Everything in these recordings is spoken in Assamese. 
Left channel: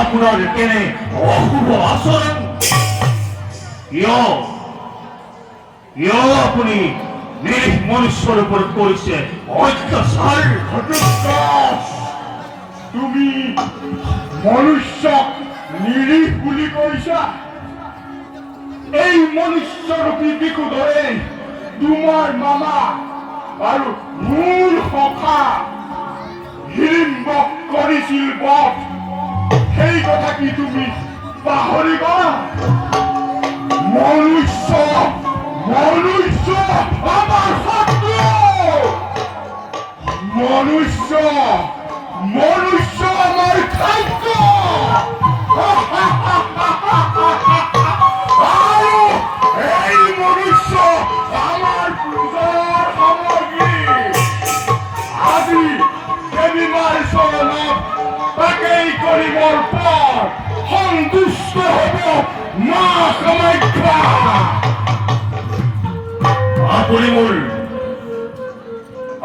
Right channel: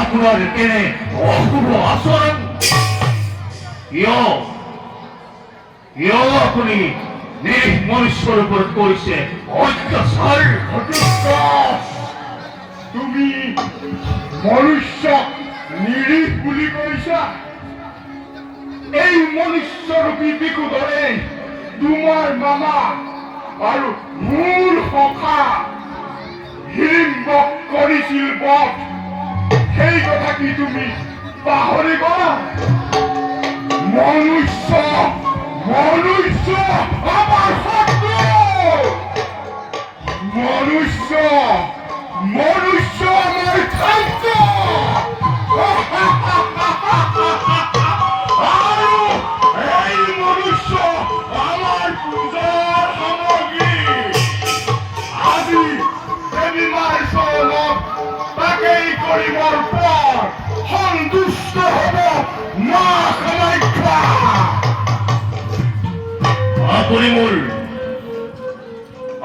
আপোনাৰ কেনে অশুভ আচৰণ কিয় আপুনি নিৰীহ মনুষ্যৰ ওপৰত কৰিছে অত্যাচাৰ? তুমি মনুষ্যক নিৰীহ বুলি কৈছা? এই মনুষ্যৰূপী বিকুদৰে তোমাৰ মামা আৰু মোৰ সখা হিড়িম্বক কৰিছিল বধ। সেই কথা কি তুমি পাহৰিবা? মনুষ্য আমাৰ শত্ৰু। মনুষ্য আমাৰ খাদ্য। আৰু এই মনুষ্য আমাৰ পূজাৰ সামগ্ৰী। আজি দেৱীমাৰ চৰণত তাকেই কৰিবৰ পৰ সন্তুষ্ট হ'ব মা কামাখ্যা।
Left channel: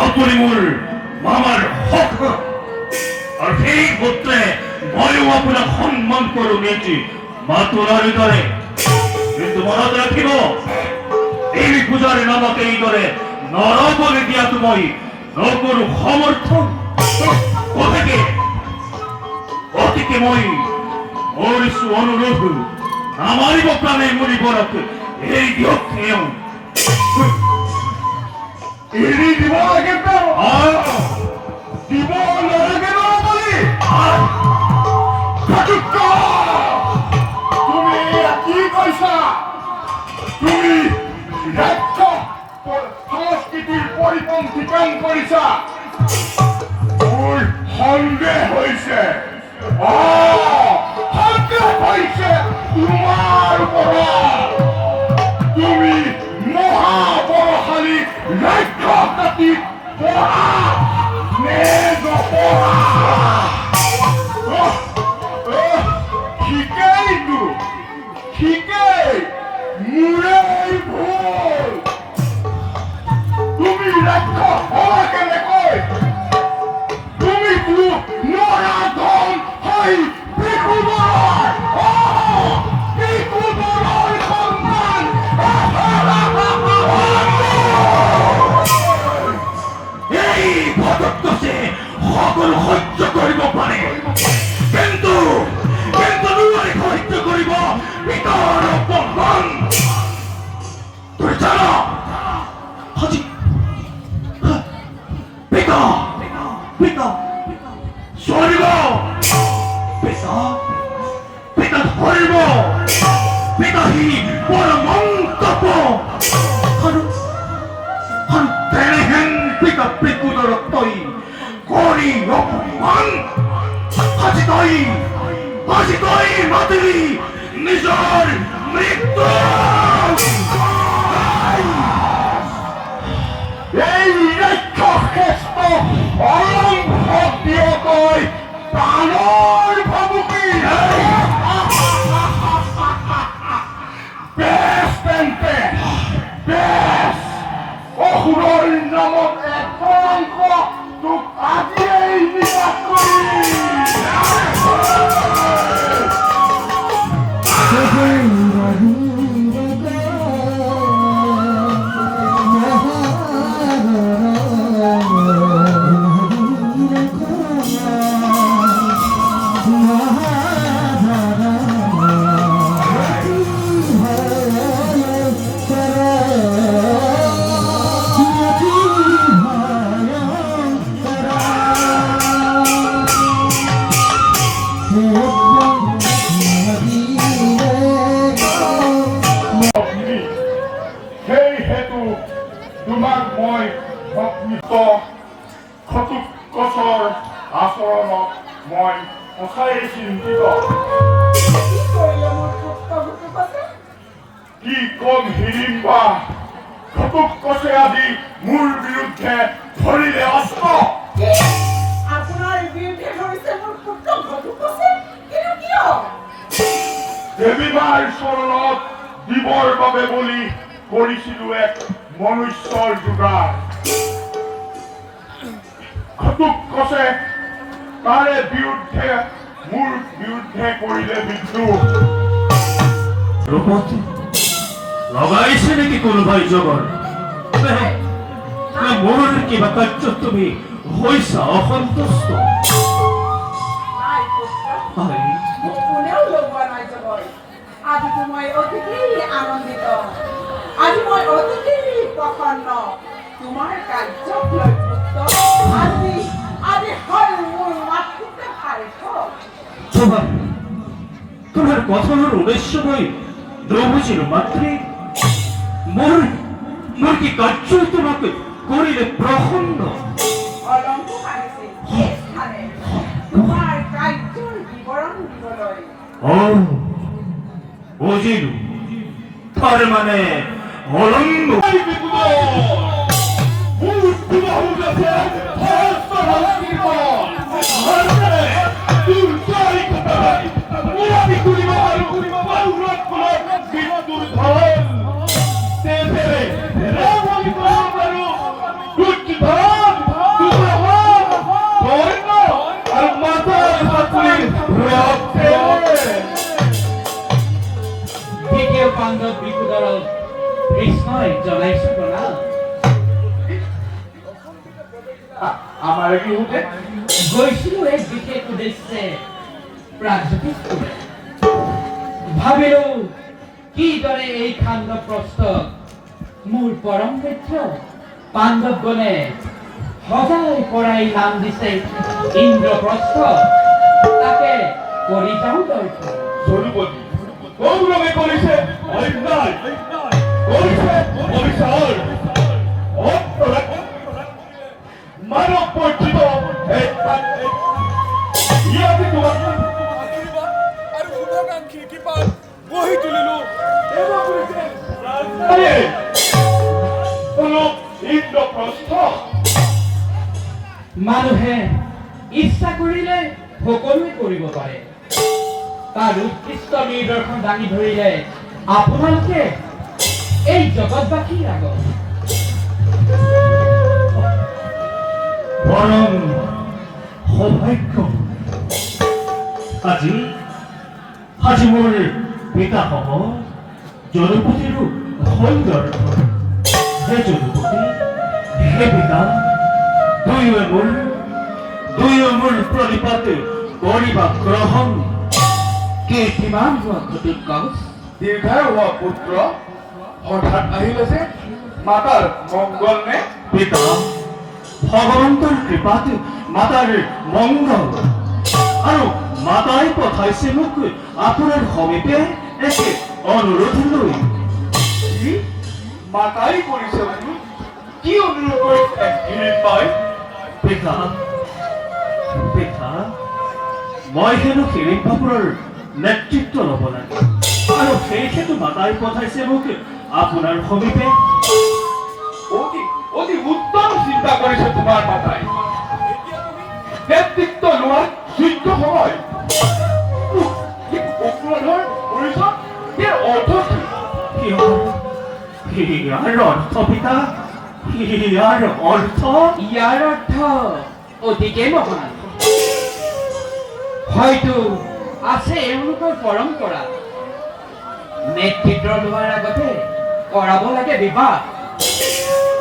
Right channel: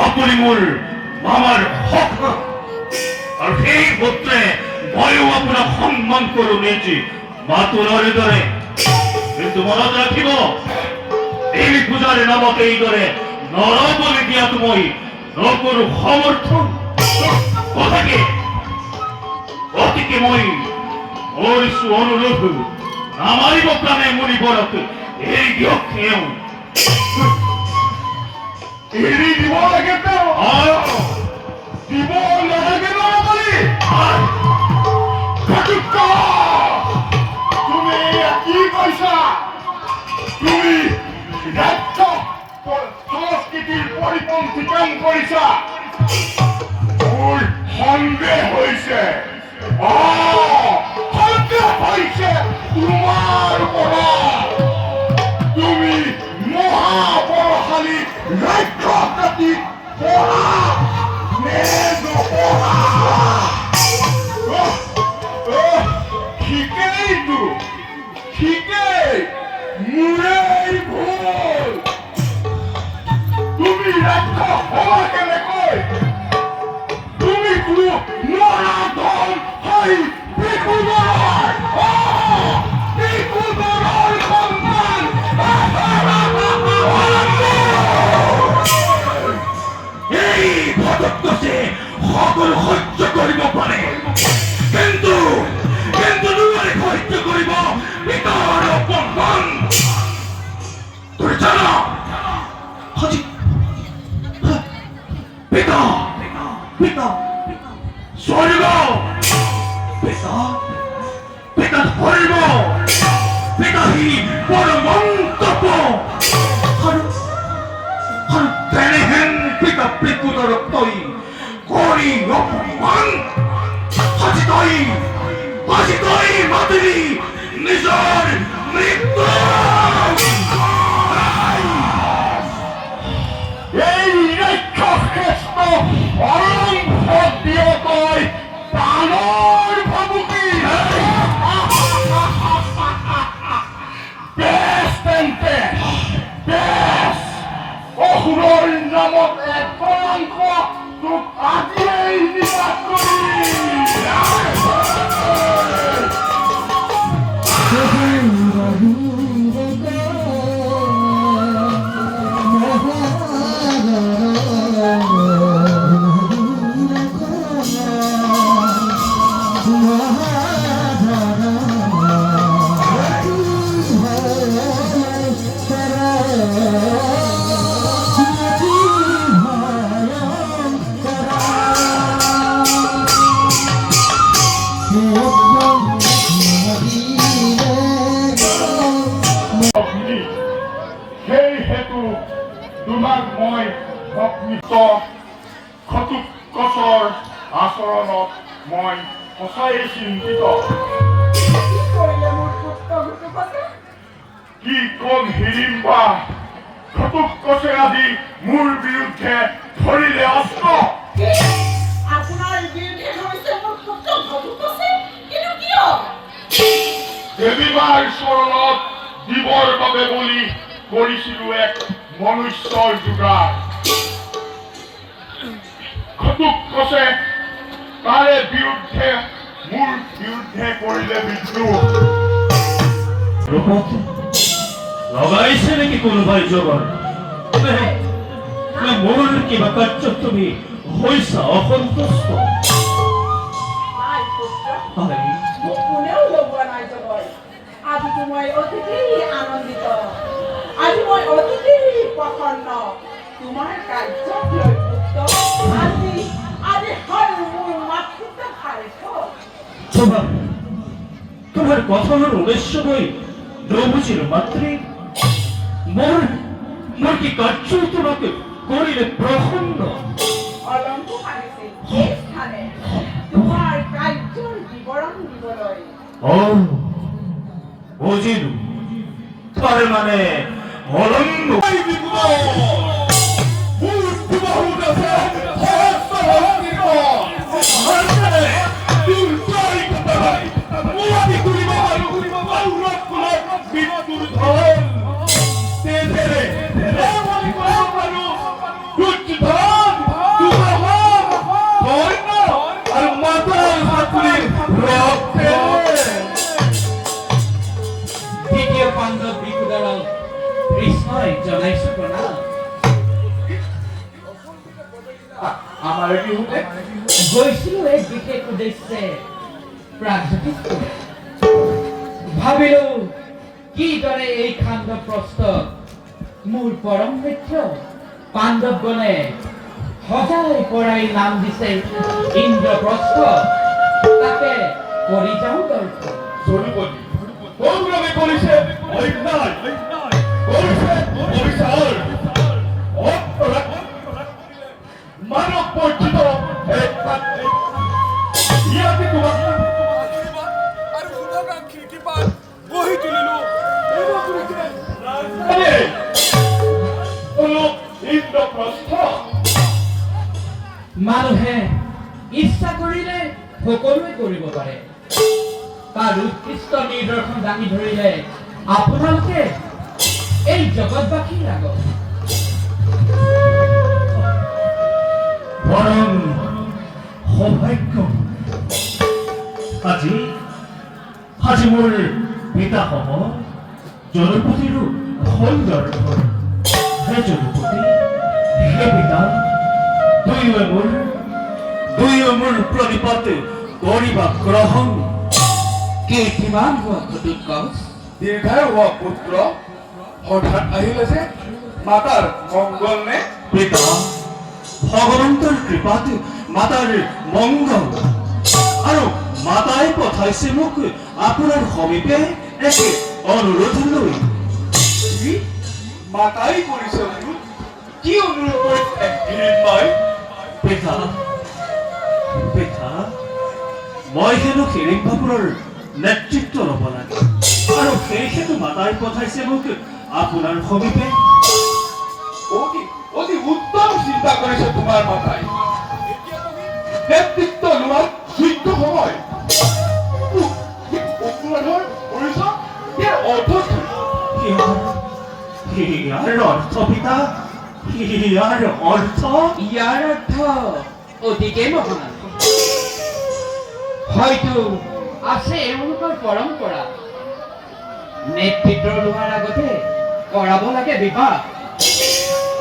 আপুনি মোৰ মামাৰ হক আৰু সেই সূত্ৰে ময়ো আপোনাক সন্মান কৰো নিজি মাতুলৰ দৰে। কিন্তু মনত ৰাখিব, এই পূজাৰে নামক এইদৰে নৰবলি দিয়াটো মই নকৰো সমৰ্থন। গতিকে মই কৰিছো অনুৰোধ, নামাৰিব প্ৰাণে মৰিবৰক এৰি দিয়ক। তেওঁ এৰি দিব লাগে, দিব নালাগে নৰবলি। তুমি কি কৈছা? তুমি ৰাক্ষস সংস্কৃতিৰ পৰিপন্থী কাম কৰিছা। মোৰ সন্দেহ হৈছে, তোমাৰ ওপৰত। তুমি মহাবলশালী ৰাক্ষস জাতি পঢ়া নে নপঢ়া? ঠিকেই মোৰেই ভুল। তুমি ৰাক্ষস হবা কেনেকৈ? তুমি কোনো নৰাধম হৈ বিকুদৰৰ সন্তান। এই ভদত্তছে সকলো সহ্য কৰিব পাৰে, কিন্তু নোৱাৰি সহ্য কৰিব পিতাৰ অপমান। তুমি জানা আজি পিতা স্বৰ্গ, পিতা ধৰ্ম, পিতাহী পৰমন্তপ আৰু তেনেহেন পিতা বিকুদৰক তই কৰি অপমান। আজি তই মাতিলি নিজৰ মৃত্যু। এই ৰাক্ষসেষ্ট অৰম্ভক প্ৰাণৰ ভাবুকি। বেছ তেন্তে বেছ, অসুৰৰ নামত এক কলংক তোক আজিয়েই নিৰাশ কৰিম। সেই হেতু তোমাক মই ঘটোৎকচৰ আচৰণত মই সঁচাই চিন্তিত। কি কম হিড়িম্বা, ঘটোৎকচে আজি মোৰ বিৰুদ্ধে ধৰিলে অস্ত্ৰ। আপোনাৰ বিৰুদ্ধে ধৰিছে মোৰ পুত্ৰ ঘটোৎকচে? কিন্তু কিয়? দেৱীমাৰ চৰণত দিবৰ বাবে বুলি কৰিছিলো এক মনুষ্যৰ যোগাৰ। ঘটোৎকচে তাৰে বিৰুদ্ধে মোৰ বিৰুদ্ধে কৰিলে বিদ্ৰোহ। ৰূপত লগাইছে নেকি কোনোবাই জগৰ? মোৰ কিবা কাৰ্যত তুমি হৈছা অসন্তুষ্ট? নাই পুত্ৰ, হয়, মোক কোনেও লগোৱা নাই জগৰ। আজিতো মই অতিকেই আনন্দিত, আজি মই অতিকেই প্ৰসন্ন তোমাৰ কাৰ্যক লৈ পুত্ৰ। আজি হয় মোৰ মাতৃত্ব সাৰ্থক। তোমাৰ কথাৰ উদ্দেশ্য নই নবুঝিল মাত্ৰে মোৰ কি কাৰ্য তোমাকে কৰিলে প্ৰসন্ন? অলংক মানিছিল এই স্থানে তোমাৰ কাৰ্যৰ বিৱৰণ দিবলৈ। ও বুঝিল, তাৰ মানে অলঙ্গ দ্বিতীয় পাণ্ডৱ বিকুদৰক কৃষ্ণই জনাইছো প্ৰণাম। আমাৰে কি হতে গৈছিলো এক বিশেষ উদ্দেশ্যে প্ৰাগজ্যোতিষ ভাবিলো কিদৰে এই খাণ্ড প্ৰস্তুত মোৰ পৰম মিত্ৰ পাণ্ডৱগণে সজাই পৰাই নাম দিছে ইন্দ্ৰপ্ৰস্থ, তাকে কৰি যাওঁ দৰ্শন। জৰুপতি কৌৰৱে কৰিছে অন্যায়, কৰিছে অবিচাৰ, মানৱ বৰ্জিত এক পাত্ৰে ইয়াতে তোমাক আশীৰ্বাদ আৰু শুভাকাংক্ষীৰ কৃপাত গঢ়ি তুলিলো ৰাজধানী কোনো ইন্দ্ৰপ্ৰস্থ। মানুহে ইচ্ছা কৰিলে সকলোৱে কৰিব পাৰে, তাৰ উৎকৃষ্ট নিদৰ্শন দাঙি ধৰিলে আপোনালোকে এই জগতবাসীৰ আগত। পৰম সৌভাগ্য আজি আজি মোৰ পিতা সহ জনপতিৰো সুন্দৰ ঘৰ। হে জনপতি, হে পিতা, দুয়ো মোৰ প্ৰণিপাত কৰিবা গ্ৰহণ। কিমান হোৱা ঘটিত কচ দীৰ্ঘায়ু হোৱা পুত্ৰ, হঠাৎ আহিলে যে মাতাৰ মংগল নে? পিতা, ভগৱন্তৰ কৃপাত মাতাৰ মংগল, আৰু মাতাই পঠাইছে মোক আপোনাৰ সমীপে একে অনুৰোধ লৈ। কি মাতাই কৰিছে অনুৰোধ? কি অনুৰোধ কৰিছে গিৰিপাই? পিতা, পিতা, মই হেনো হিড়িম্বাপুৰৰ নেতৃত্ব ল'ব লাগে, আৰু সেইহেতু মাতাই পঠাইছে মোক আপোনাৰ সমীপে। অতি উত্তম চিন্তা কৰিছে তোমাৰ মাতাই। নেতৃত্ব লোৱাৰ যোগ্য হয়। অপৰাধৰ কৰিছ, ইয়াৰ অৰ্থ কি? ইয়াৰ অৰ্থ পিতা, ইয়াৰ অৰ্থ ইয়াৰ অৰ্থ অতিকে মহান। হয়তো আছে এওঁলোকৰ পৰম্পৰা, নেতৃত্ব লোৱাৰ আগতে কৰাব লাগে বিবাহ।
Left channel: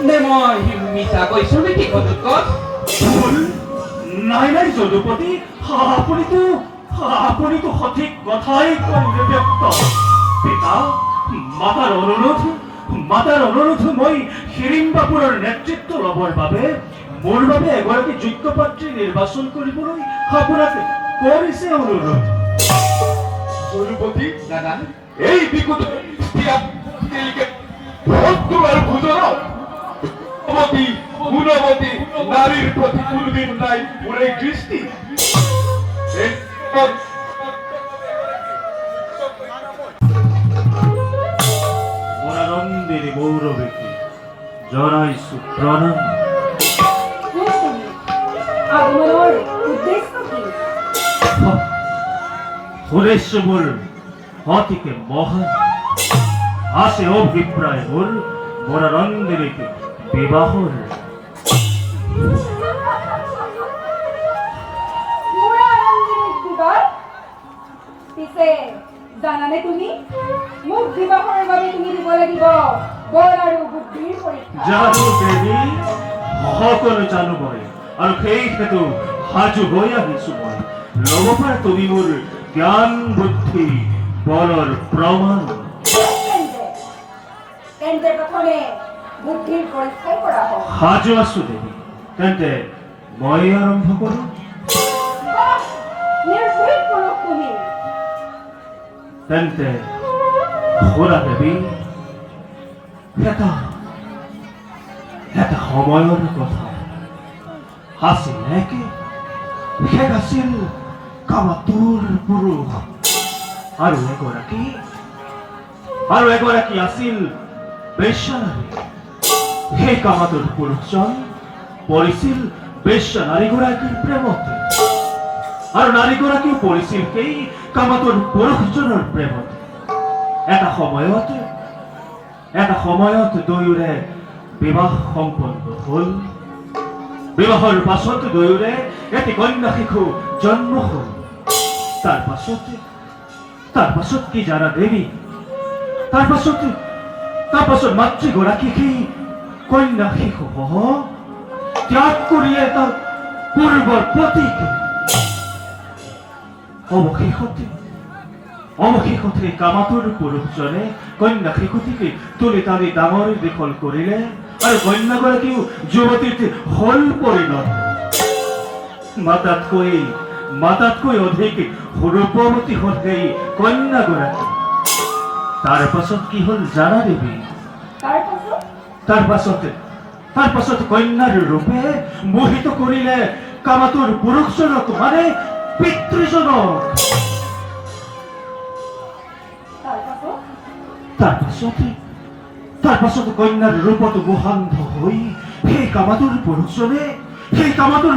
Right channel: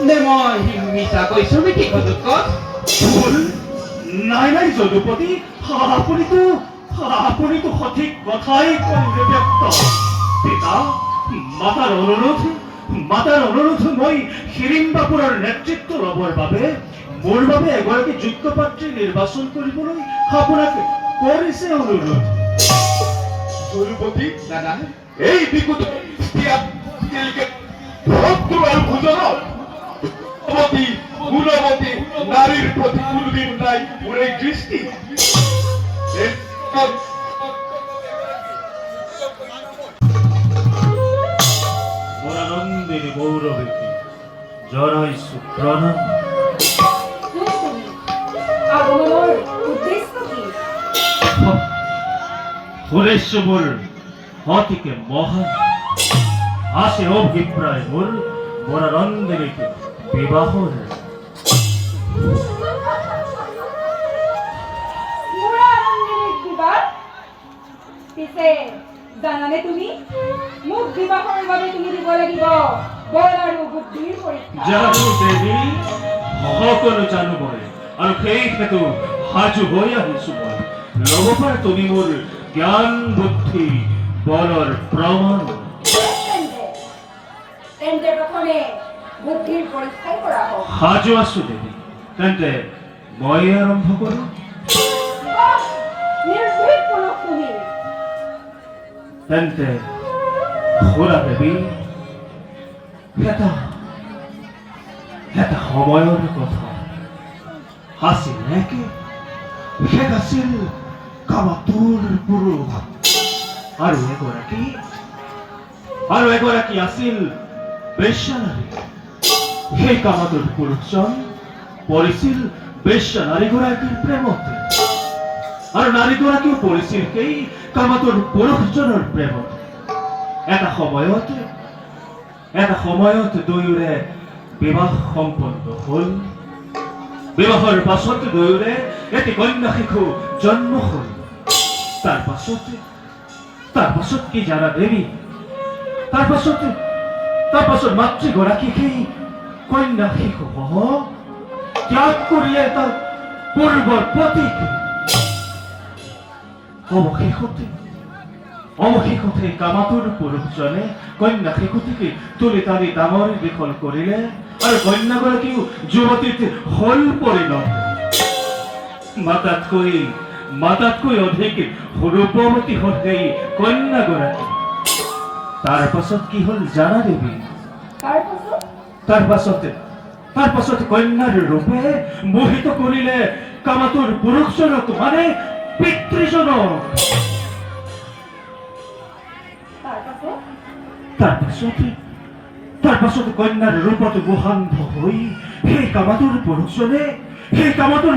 নে মই মিছা কৈছো নেকি ঘটোৎকচ? ভুল নাই নাই যদুপতি, আপুনিতো সঠিক কথাই কৈ ব্যক্ত। পিতা, মাতাৰ অনুৰোধ মই হিড়িম্বাপুৰৰ নেতৃত্ব ল'বৰ বাবে মোৰ বাবে এগৰাকী যোগ্য পাত্ৰী নিৰ্বাচন কৰিবলৈ আপোনাক কৰিছে অনুৰোধ। জৰুপতি দাদা, এই বিকুত ভোজনত গুণৱতী নাৰীৰ প্ৰতি কোনোদিন নাই মোৰ এই দৃষ্টি। মনানন্দিনী মৌৰৱীকে জনাইছো প্ৰণাম। আগমনৰ উদ্দেশ্য কি? উদ্দেশ্য মোৰ অতিকে মহান। আছে অভিপ্ৰায় মোৰ মনানন্দিনীকে বিবাহৰ। মোৰ আনন্দিনীৰ বিবাহ পিছে জানানে তুমি মোক বিবাহৰ বাবে তুমি দিব লাগিব বল আৰু বুদ্ধিৰ পৰীক্ষা জানো দেৱী, সকলো জানো মই, আৰু সেই হেতু সাজু হৈ আহিছো মই। ল'ব পাৰা তুমি মোৰ জ্ঞান বুদ্ধি বলৰ প্ৰমাণ। তেন্তে তেন্তে প্ৰথমে বুদ্ধিৰ পৰীক্ষাই কৰা হওক সাজু আছো দেৱী, তেন্তে মই আৰম্ভ কৰোঁ। বাহ, নিৰ্ভীক পুৰুষ তুমি তেন্তে শুনা দেৱী, এটা সময়ৰ কথা আছিল একে, সে আছিল কামাতুৰ পুৰুষ, আৰু এগৰাকী আছিল বেশ্যানাৰী। সেই কামাতুৰ পুৰুষজন পৰিছিল বেশ্যা নাৰীগৰাকীৰ প্ৰেমতে, আৰু নাৰীগৰাকীও পৰিছিল সেই কামাতুৰ পুৰুষজনৰ প্ৰেমত। এটা সময়ত দুয়োৰে বিবাহ সম্পন্ন হ'ল। বিবাহৰ পাছত দুয়োৰে এটি কন্যা শিশু জন্ম হ'ল। তাৰ পাছত কি জানা দেৱী? তাৰ পাছত মাতৃগৰাকী সেই কন্যা শিশুসহ ত্যাগ কৰি এটা পূৰ্বৰ প্ৰতীক অৱশেষতে কামাতুৰ পুৰুষজনে কন্যা শিশুটিকে তুলি তালি ডাঙৰ দীঘল কৰিলে, আৰু কন্যাগৰাকীও যুৱতীত হল পৰিণত। মাতাতকৈ অধিক ৰূপৱতী হ'ল সেই কন্যাগৰাকী। তাৰ পাছত কি হ'ল জানা দেৱী? তাৰ পাছত কন্যাৰ ৰূপে মোহিত কৰিলে কামাতুৰ পুৰুষজনক, মানে পিতৃজনক। তাৰ পাছত কন্যাৰ ৰূপত মোহান্ধ হৈ সেই কামাতুৰ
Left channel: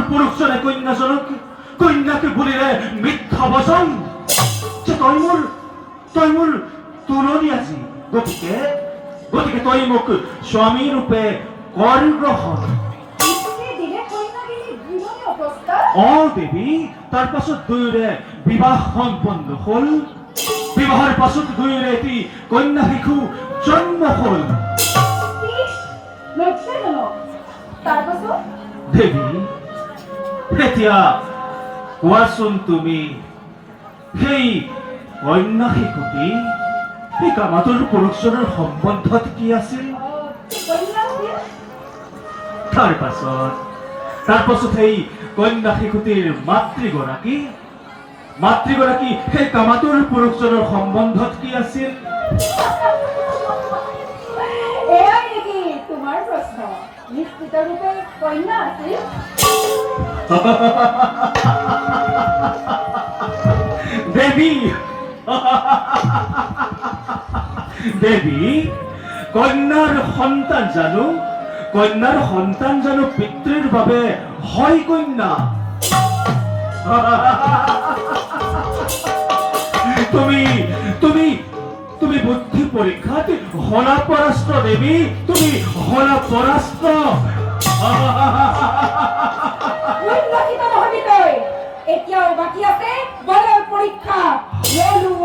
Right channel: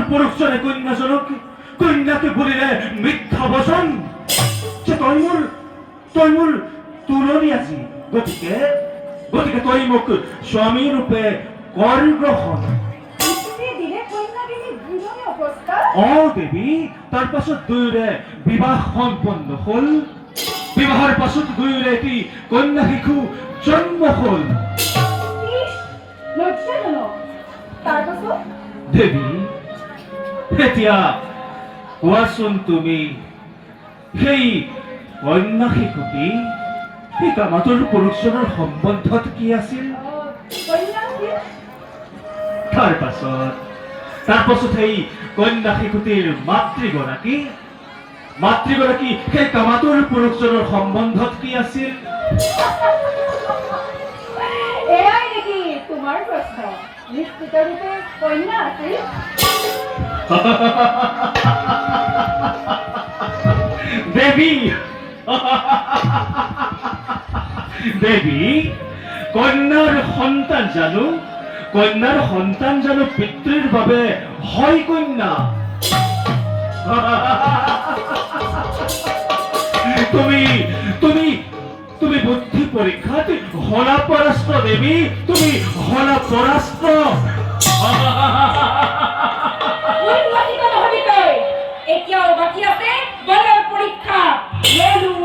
পুৰুষজনে কন্যাকে বুলিলে মিথ্যা বচন, যে তই মোৰ তুলনি আজি, গতিকে তই মোক স্বামী ৰূপে কৰ গ্ৰহণ। দেৱী, তাৰ পাছত দুয়োৰে বিবাহ সম্পন্ন হ'ল। বিবাহৰ পাছত দুয়োৰে এটি কন্যা শিশু জন্ম হ'ল। দেৱী, এতিয়া কোৱাচোন তুমি, সেই কন্যা শিশুটি সেই কামাতুৰ পুৰুষজনৰ সম্বন্ধত কি আছিল? তাৰ পাছত সেই কন্যা শিশুটিৰ মাতৃগৰাকী সেই কামাতুৰ পুৰুষজনৰ সম্বন্ধত কি আছিল? এয়াই নেকি তোমাৰ প্ৰশ্ন? নিশ্চিত ৰূপে কন্যা আছিল। দেৱী, কন্যাৰ সন্তান জানো পিতৃৰ বাবে হয় কন্যা? তুমি বুদ্ধি পৰীক্ষাত হলা পৰাস্ত দেৱী, তুমি হলা পৰাস্ত। এতিয়াও বাকী আছে বলৰ পৰীক্ষা।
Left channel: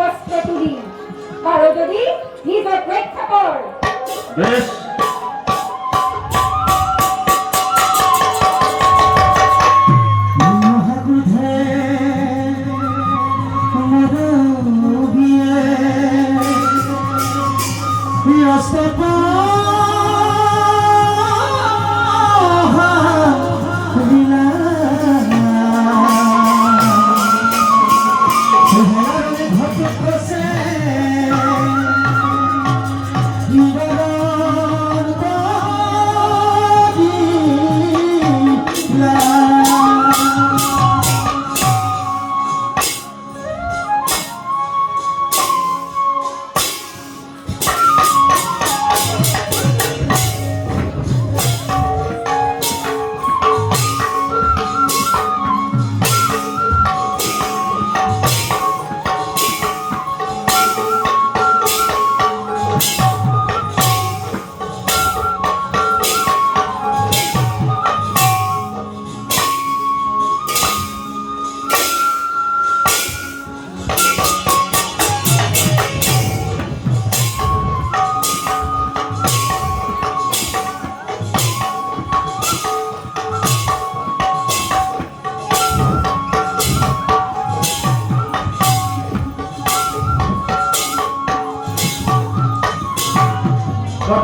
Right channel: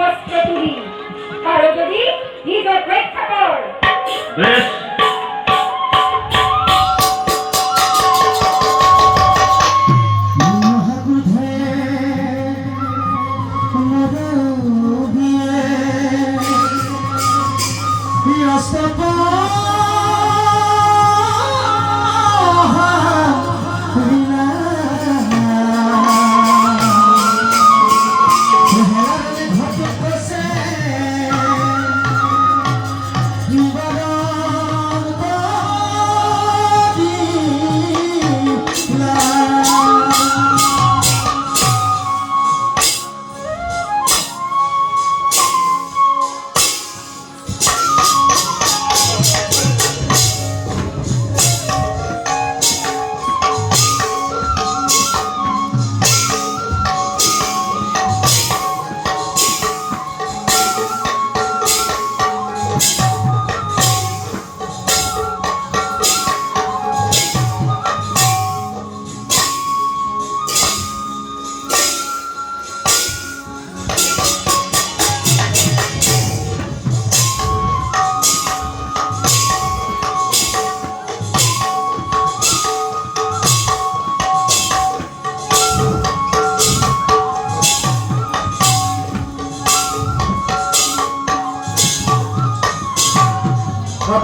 অস্ত্ৰ তুলি পাৰো যদি নিজৰ পৰীক্ষা কৰ। বেশ, হে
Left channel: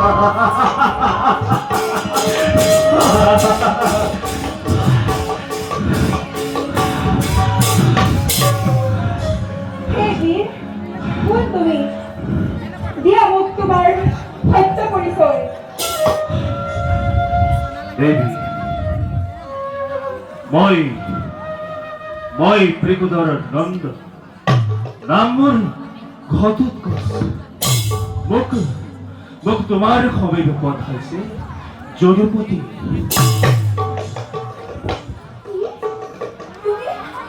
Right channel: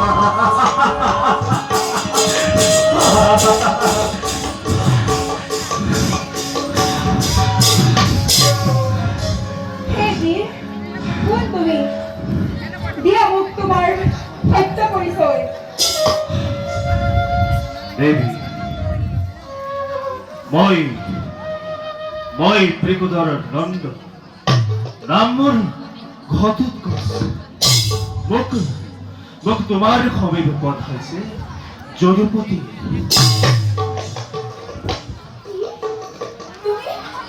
বীৰ, কোন তুমি? দিয়া মোক তোমাৰ সত্য পৰিচয়। দেৱী, মই ত্ৰিকুটৰ নন্দ, নাম মোৰ ঘটোৎকচ। মোক তোমাৰ সমীপ পঠাইছে যদুপতি।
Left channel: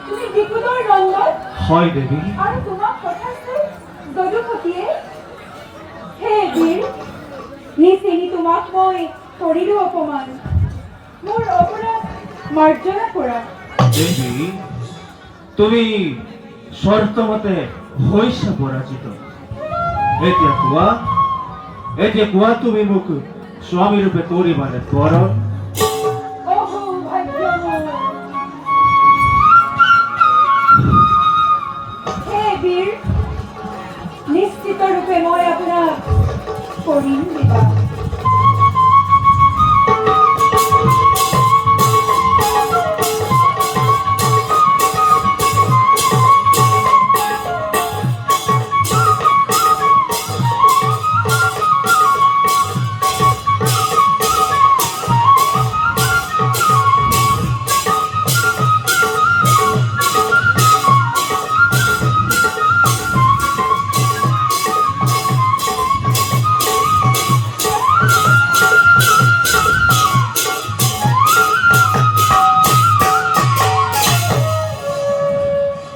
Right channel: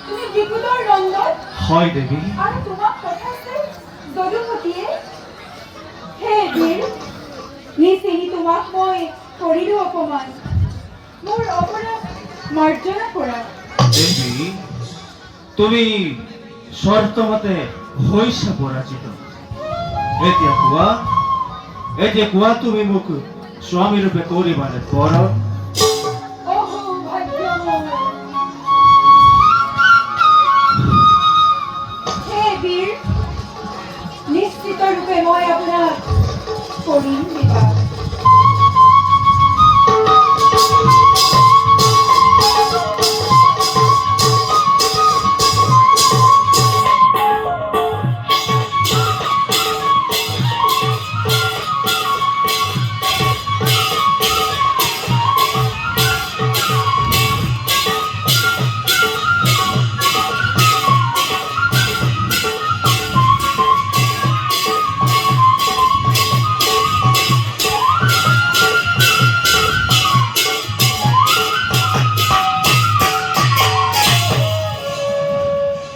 তুমি বিকুলৰ নন্দন হয় দেৱী, আৰু তোমাক পঠাইছে যদুপতিয়ে। হে বীৰ, নিচিনি তোমাক মই কৰিলো অপমান, মোৰ অপৰাধ মাৰ্জনা কৰা। দেৱী, তুমি শৰ্তমতে হৈছা পৰাজিত। এতিয়া কোৱা তুমি মোক স্বামী ৰূপে কৰিবানে বৰণ? অহো ভাগ্য মোৰ। হে বীৰ, নিশ্চিত ৰূপে মই আপোনাক কৰিম বিবাহ।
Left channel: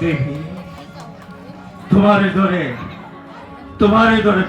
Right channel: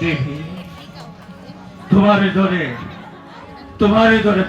দেৱী, তোমাৰে দৰে